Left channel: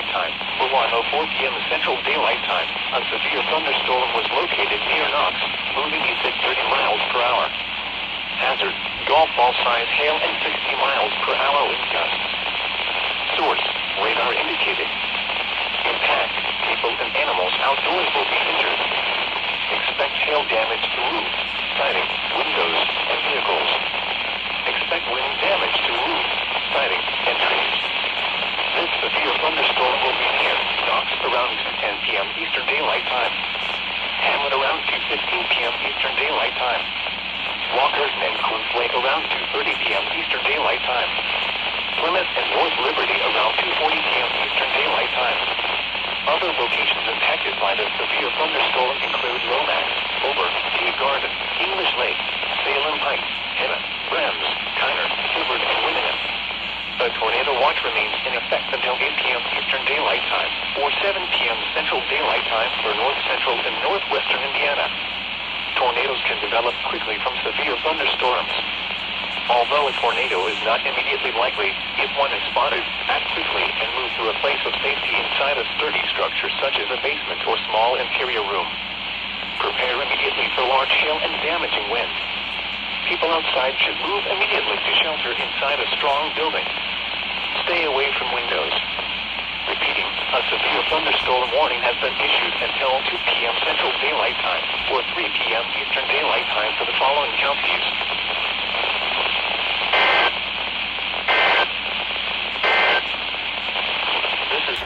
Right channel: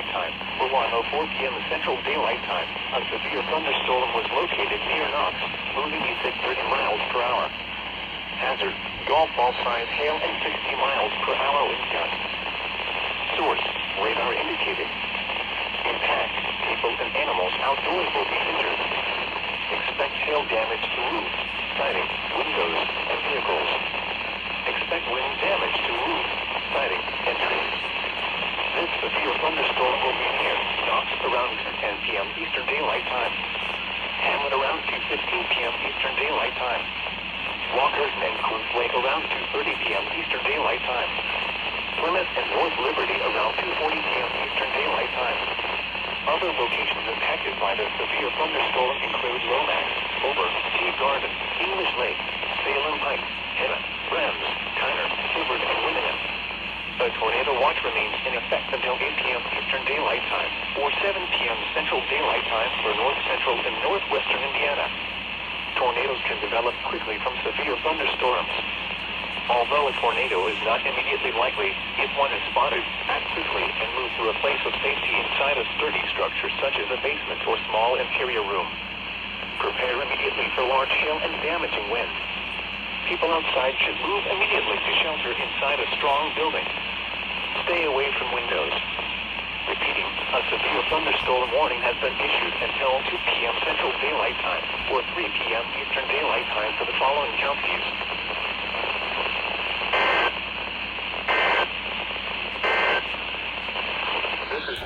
Daylight Time. For 1:04 p.m. Central Daylight Time, a severe thunderstorm was located near Knox, moving east at 30 miles per hour. Hazard, golf ball size hail and 60 miles per hour wind gusts. Source, radar indicated. Impact, people and animals outdoors will be injured. Expect hail damage to roofs, siding, windows, and vehicles. Expect wind damage to roofs, siding, and trees. This severe thunderstorm will be near Knox around 2:10 p.m. Eastern Daylight Time. Hamlet around 2:15 p.m. Eastern Daylight Time. Walkerton and Coons Lake around 2:30 p.m. Eastern Daylight Time. Plymouth and North Liberty around 2:40 p.m. Eastern Daylight Time. Other locations impacted by the severe thunderstorm include Lomax, Ober, Tea Garden, English Lake, Salem Heights, Henna, Brems, Kiner, Hibbard, and Winningham. A tornado watch remains in effect until 8 p.m. Eastern Daylight Time, or 7 p.m. Central Daylight Time for north central and northwestern Indiana. Tornadoes can develop quickly from severe thunderstorms. Although a tornado is not immediately likely, if one is spotted, act quickly and move to a place of safety inside a sturdy structure such as a basement or small interior room. Prepare immediately for large hail and damaging wind. People outside should move immediately to shelter inside a strong building. Stay away from windows. Repeating, a severe thunderstorm warning has been issued until 2 p.m. Central Daylight Time, or 3 p.m. Eastern Daylight Time for the following counties. This is